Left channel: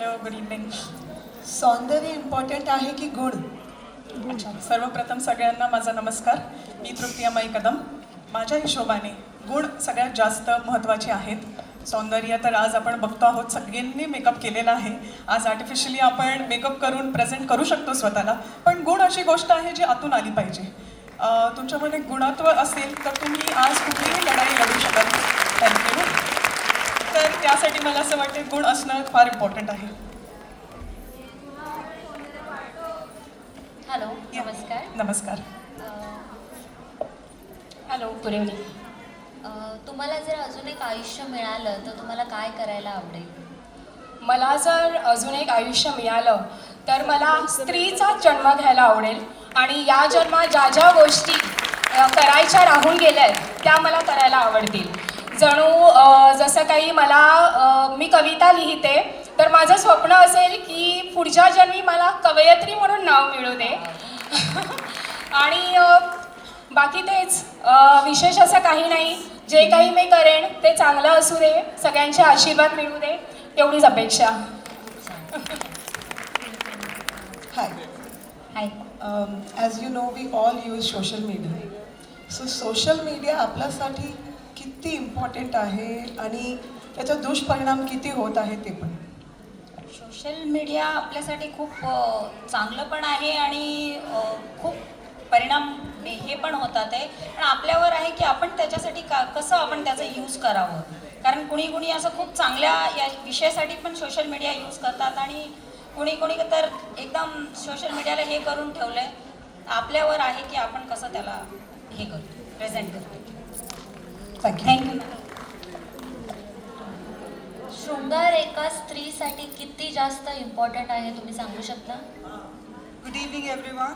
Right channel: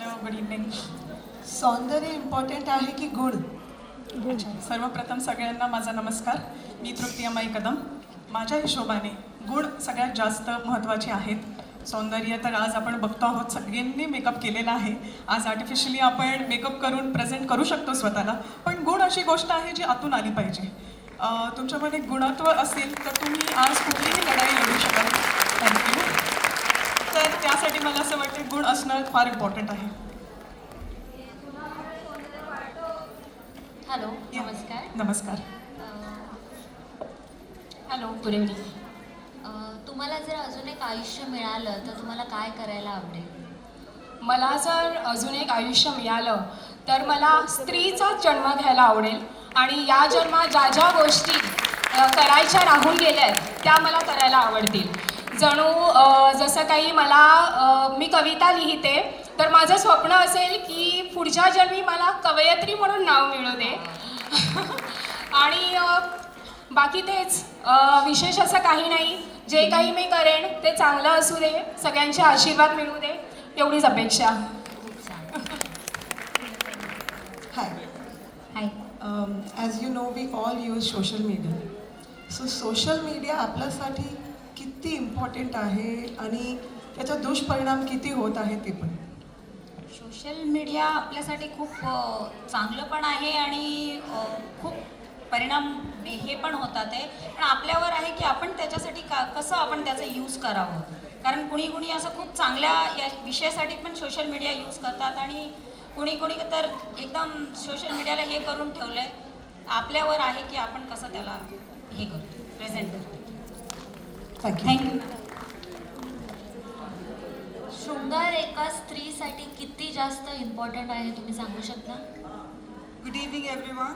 Hello good evening सौंदर्य important आहे की गुण? अच्छा सर्वप्रथम सगळ्यांना माझा नमस्कार. मी तृतीयमयी कदम. माझ्या हिशोबाने गुण सगळ्यात जास्त महत्त्वाचे आहेत. सौंदर्य तर आज आपण बघतो आहोत सगळ्यांनी मेकअप केलेला आहे. आज आर्टिफिशियली आपण मेकअप करून प्रेझेंट करू शकतो स्वतःला. पण गुण अशी गोष्ट आहे जी आतून आली पाहिजे. तुमच्यामध्ये गुणत्व असेल तर तुम्ही आज कुठलीही लढाई लढू शकाल. थँक्यू तर त्यासाठी मला असं वाटतं गुण असणं फार इम्पॉर्टंट आहे. हॅलो नमस्कार. नमस्कार. हॅलो गुड इव्हनिंग तुम्हाला जर अजून एक आयुष्य मिळालं तर तुम्हाला काय करायला आवडेल? मला जर अजून एक आयुष्य मिळालं तर मला स्त्रीचाच जन्म घ्यायला आवडेल आणि या जन्मात ज्या ज्या गोष्टी करायच्या राहून गेल्या आहेत त्या मला करायला आवडतील. जणू जसं काही मला मी कविता लिहिते तर माझं स्वप्न असेल की पुढच्या जन्मी मला कवयत्री म्हणून नाव मिळू दे. आणि बाकी तेच विशेष असं काही नाही. जे काही मी करेन ते चांगलं असू दे. सगळ्यांचे आशीर्वाद मिळू दे. एवढीच अपेक्षा. Hi hi as you know we all use social media so social media आपल्यासाठी किती इम्पॉर्टंट आहे आणि त्याचा दुष्परिणाम किती होत आहे ते पण. सोशल मीडिया आपल्यासाठी खूप चांगलं पण आहे आणि खूप परिणाम हे पण होतात आहे. पण आपल्यावर आहे की आपण त्याच्यासाठी का कसं आपण त्याचा यूज करावं? कारण कुणी कुणी असं खूप चांगल्या या विषयासाठी पण सोशल मीडिया यूज करतात आणि कुणी कुणी तर एकदम सोशल मीडियाला हे करून ठेवलं आहे आपल्यावर आहे की आपण कसं त्याला हे करतो प्रेझेंट करतो. थँक्यू थँक्यू शृंगार एका स्त्रीसाठी किती जास्त इम्पॉर्टंट आहे तुम्ही सांगू शकता? गुड इव्हनिंग एव्हरीवन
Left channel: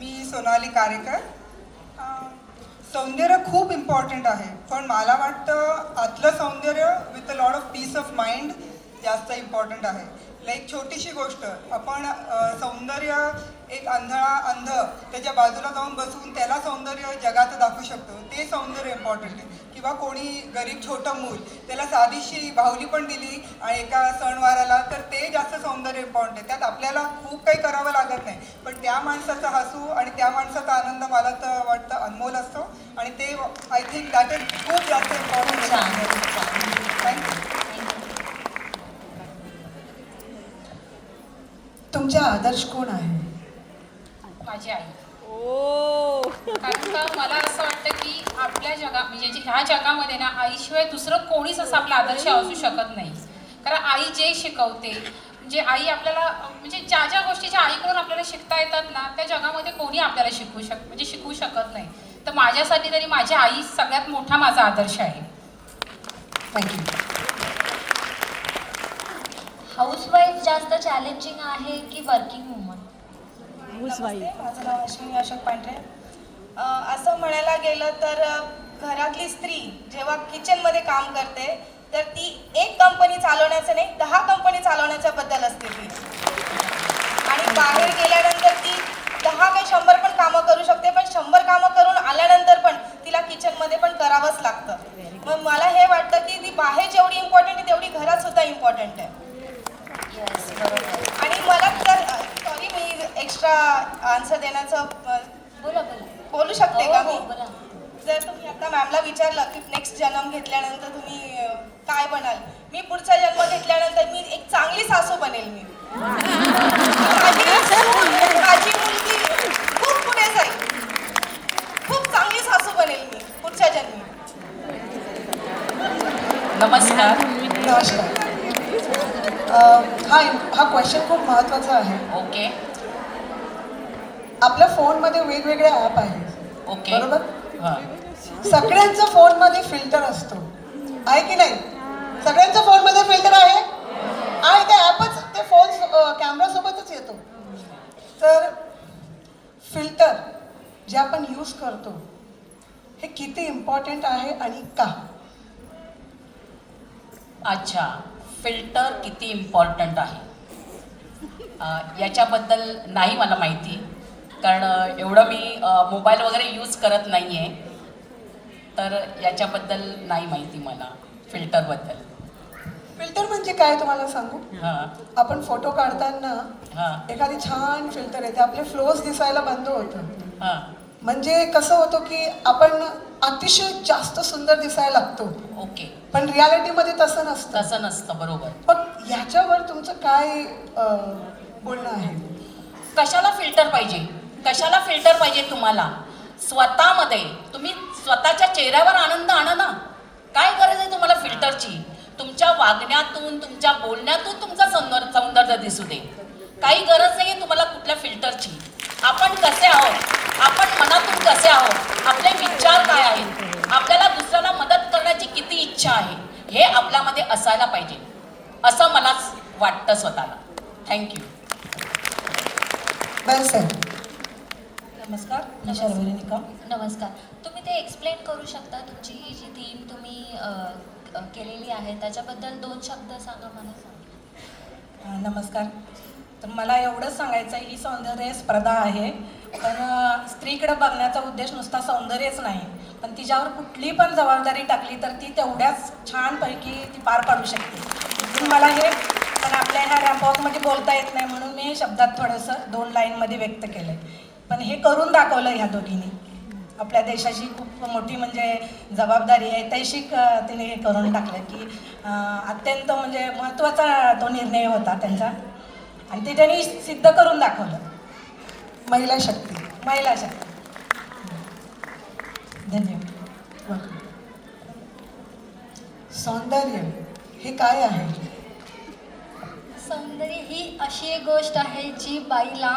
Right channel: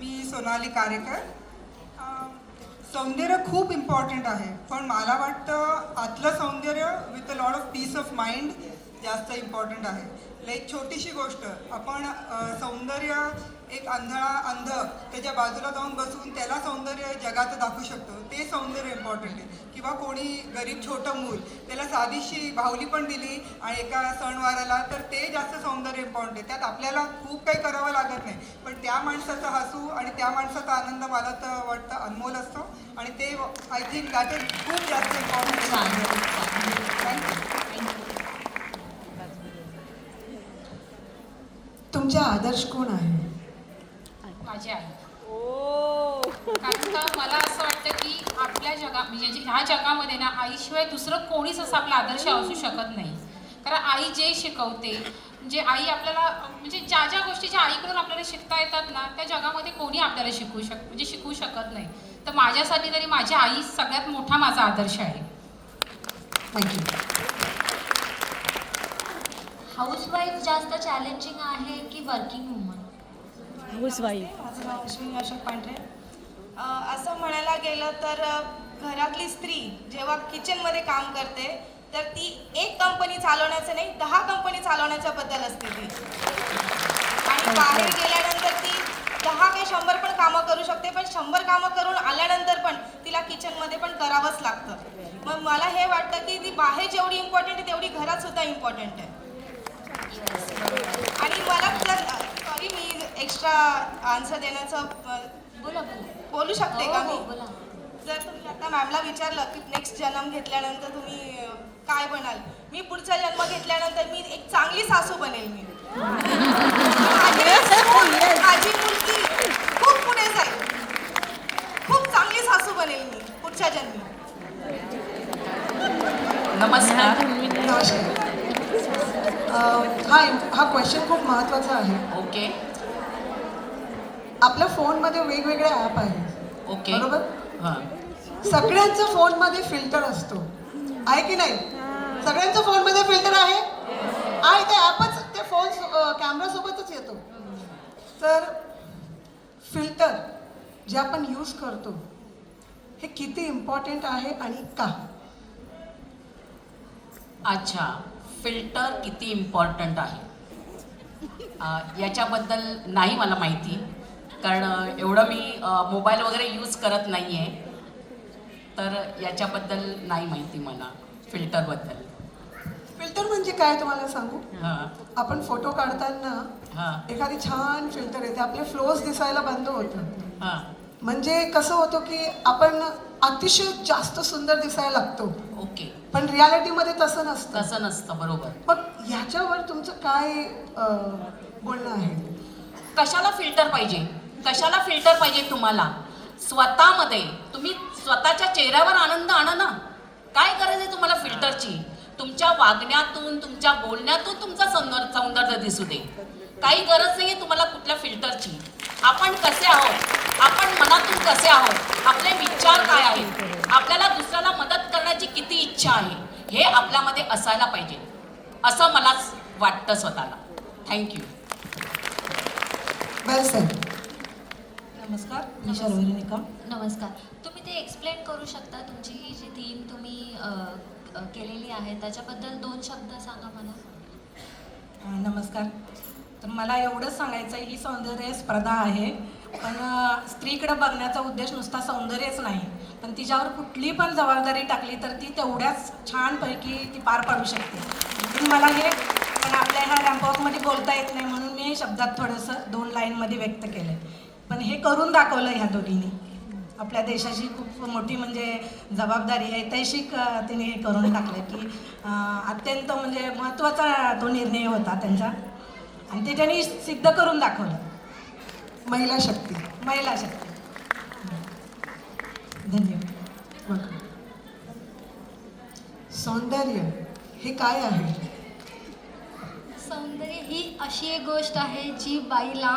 मी सोनाली कारेकर. सौंदर्य खूप इम्पॉर्टंट आहे. पण मला वाटतं आतलं सौंदर्य with a lot of peace of mind जास्त इम्पॉर्टंट आहे. लाईक छोटीशी गोष्ट आपण सौंदर्य एक अंधळा अंध त्याच्या बाजूला जाऊन बसून त्याला सौंदर्य जगाचं दाखवू शकतो. ते सौंदर्य इम्पॉर्टंट आहे. किंवा कोणी गरीब छोटं मूल त्याला साधीशी बाहुली पण दिली आणि एका सणवाराला तर ते जास्त सौंदर्य इम्पॉर्टंट आहे. त्यात आपल्याला खूप काही करावं लागत नाही. पण त्या माणसाचा हसू आणि त्या माणसाचा आनंद मला तर वाटतं अनमोल असतो. आणि ते आय थिंक दॅट इज खूप जास्त इम्पॉर्टंट थँक्यू तुमचा आदर्श कोण आहे? माझी आई. कारण का मला असं वाटतं की आपल्या जगा म्हणजे जे- ह्या जगामध्ये ना आईशिवाय दुसरं कोणीच असं आपला आदर्श असू शकत नाही. कारण आई जे शिकवते म्हणजे आई आपल्याला म्हणजे ज्या ज्या गोष्टी ज्या आईकडून आपल्याला शिकता येतात ना त्या जगामध्ये कोणी आपल्याला शिकवू शक म्हणजे शिकवू शकत नाही. तर माझ्यासाठी तरी माझी आई सगळ्यात मोठा माझा आदर्श आहे. थँक्यू हाऊसवाईफ जास्त चॅलेंजिंग आहे की वर्किंग वुमन नमस्ते माझं नाव अश्विनी अशोक पांढरे. असं म्हणायला गेलं तर घरातली स्त्री जेव्हा किचनमध्ये काम करते तर ती एक कंपनी चालवण्याचं नाही दहा कंपनी चालवण्याच्या बद्दल असते ती. आणि बाहेर गेल्यानंतर ती दहा काही शंभर पण कामं करू शकते पण शंभर कामं करून आल्यानंतर पण तिला किचनमध्ये पण करावंच लागतं. मग मला हे वाटतं की ती बाहेर जेवढी इम्पॉर्टंट आहे तेवढी घरात सुद्धा इम्पॉर्टंट आहे. आणि मला तर सॉरी मी एक्स्ट्रा आन्सर देण्याचं बोला शकते हो, का हो, मी बोला. जर तुम्ही आता मॅमला विचारलं की नेक्स्ट जन्म घेतल्यानंतर तुम्ही काय बनाल? मी पुढचा जन्म घेतल्यानंतर मी एक चांगली सासू बनेल मी. माझी मुलगी खूप पुढे जाईल. खूप चांगली सासू बनेल मी पुढच्या जन्मी. नमस्कार. नमस्कार. हा हा क्वेश्चन खूप महत्त्वाचा आहे. ओके. आपल्या फोनमध्ये वेगवेगळे ॲप आहेत. ओके. बरोबर? हां. सगळ्यांच्या फोनमध्ये फिल्टर असतो. आहे की नाही? सगळ्यांच्या फोनमध्ये फिल्टर आहे? आहे ते ॲपच ते फोन कॅमेरासोबतच येतो. तर फिल्टर जे आपण यूज करतो हे किती इम्पॉर्टंट आहे आणि का? अच्छा. फिल्टर किती इम्पॉर्टंट आहे? याच्याबद्दल नाही मला माहिती. कारण एवढं मी मोबाईल वगैरे यूज करत नाही आहे तर याच्याबद्दल नाही माहिती मला फिल्टरबद्दल फिल्टर म्हणजे काय तुम्हाला सांगू? हां. आपण फोटो काढताना हां. एखादी छान फिल्टर येते. आपले फ्लोज दिसायला बंद होतात हां. म्हणजे कसं होतं की आपण अतिशय जास्त सुंदर दिसायला लागतो. ओके. पण रियालिटीमध्ये तसं नसतं. तसं नसतं बरोबर. मग ह्याच्यावर तुमचं काय अं, बोलणं आहे? कशाला फिल्टर पाहिजे? कशाला फिल्टर पाहिजे तुम्हाला? स्वतःमध्ये तुम्ही स्वतःच्या चेहऱ्यावर आनंद आणा ना. काय गरज आहे तुम्हाला फिल्टरची तुमच्या वागण्यातून तुमच्या बोलण्यातून तुमचं सौंदर्य सौंदर्य दिसू दे. काही गरज नाही आहे तुम्हाला कुठल्या फिल्टरची आपण कसे आहोत? आपण मनातून कसे आहोत? आपले विचार काय आहेत? आपल्याला दुसऱ्याला मदत करण्याची किती इच्छा आहे? हे आपल्यामध्ये असायला पाहिजे. असं मला वाटतं स्वतःला. थँक्यू नमस्कार. नमस्कार. तुम्ही ते एक्सप्लेन करू शकता तुमची ही जी थीम तुम्ही केलेली आहे. त्याच्याबद्दल दोन शब्द सांगा मला. नमस्कार. तर मला एवढंच सांगायचं आहे ही सौंदर्य स्पर्धा आहे. पण स्त्रीकडे बघण्याचा उद्देश नुसता सौंदर्यच नाही. पण तिच्यावर कुठली पण जबाबदारी टाकली तर ती तेवढ्याच छानपैकी ती पार पाडू शकते. मला हे पण आपल्या ह्या रॅम्पॉकमध्ये बोलता येत नाही म्हणून मी हे शब्दात थोडंसं दोन लाईनमध्ये व्यक्त केलं पण हे करून दाखवलं ह्या दोघींनी. आपल्या देशाची खूप मोठी म्हणजे जबाबदारी आहे. तैशिक तिने हे करून टाकलं की अत्यंत म्हणजे महत्त्वाचा तो निर्णय होता त्यांचा. आणि ते त्यांनी सिद्ध करून दाखवलं. महिला शक्ती महिला शक्ती. धन्यवाद. सौंदर्य हे काय आहे? सौंदर्य ही अशी एक गोष्ट आहे जी बाईला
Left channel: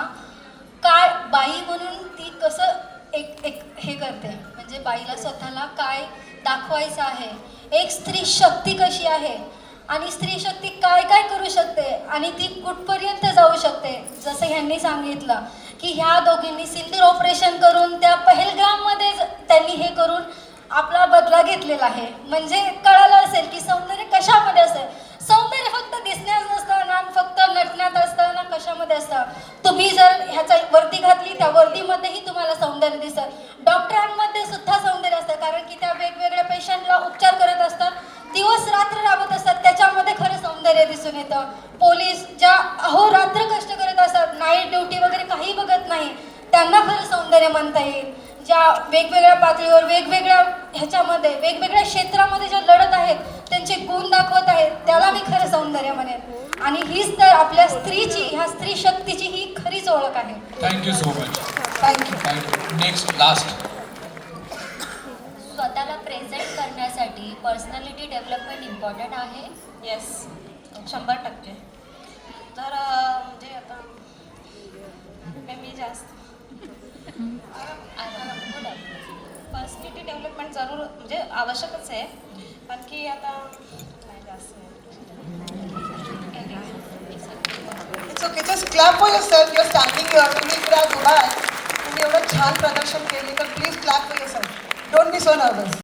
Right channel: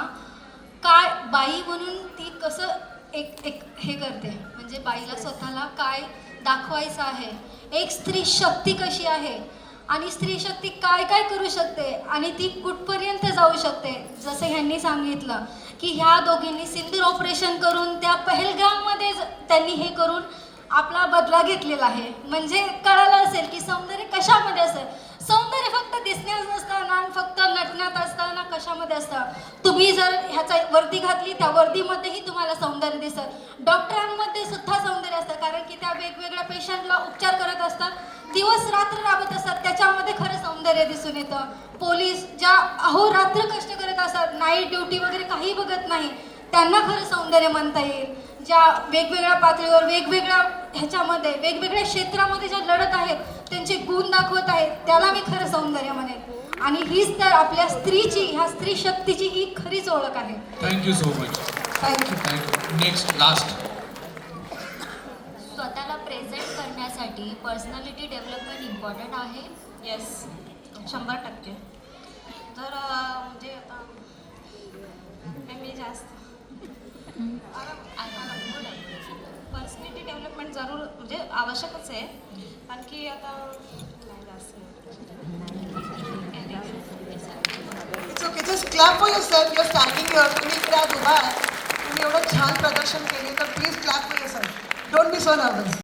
काय बाई म्हणून ती कसं एक एक हे करते. म्हणजे बाईला स्वतःला काय दाखवायचं आहे? एक स्त्री शक्ती कशी आहे? आणि स्त्री शक्ती काय काय करू शकते? आणि ती कुठपर्यंत जाऊ शकते? जसं ह्यांनी सांगितलं की ह्या दोघींनी सिंदूर ऑपरेशन करून त्या पहलगाममध्ये त्यांनी हे करून आपला बदला घेतलेला आहे. म्हणजे कळालं असेल की सौंदर्य कशामध्ये असेल? सौंदर्य फक्त दिसण्यात नसतं ना फक्त नटण्यात असतं ना कशामध्ये असतं? तुम्ही जर ह्याचा वर्दी घातली त्या वर्दीमध्येही तुम्हाला सौंदर्य दिसत डॉक्टरांमध्ये कारण की त्या वेगवेगळ्या पेशंटला उपचार करत असतात. दिवस रात्र राबत असतात. त्याच्यामध्ये खरं सौंदर्य दिसून येतं. पोलीस ज्या अहोरात्र कष्ट करत असतात नाईट ड्युटी वगैरे काही बघत नाही त्यांना खरं सौंदर्य म्हणता येईल. ज्या वेगवेगळ्या पातळीवर वेगवेगळ्या ह्याच्यामध्ये वेगवेगळ्या क्षेत्रामध्ये ज्या लढत आहेत त्यांचे गुण दाखवत आहेत त्याला मी खरं सौंदर्य म्हणेन. आणि हीच तर आपल्या स्त्रीची ह्या स्त्री शक्तीची ही खरीच ओळख आहे. Thank you so much thank you thank you next last present करण्यासाठी पर्सनॅलिटी डेव्हलपमेंट इम्पॉर्टंट आहे? येस शंभर टक्के. तर म्हणजे आता मी जास्त. पर्सनॅलिटी डेव्हलपमेंट जरूर म्हणजे आवश्यकच आहे. कारण की आता काय जास्त it's okay just clap for yourself your standing your तुम्ही इकडे आज उभा आहे तुम्ही एवढं छान प्रदर्शन केले तर please clap for yourself don't be so nervous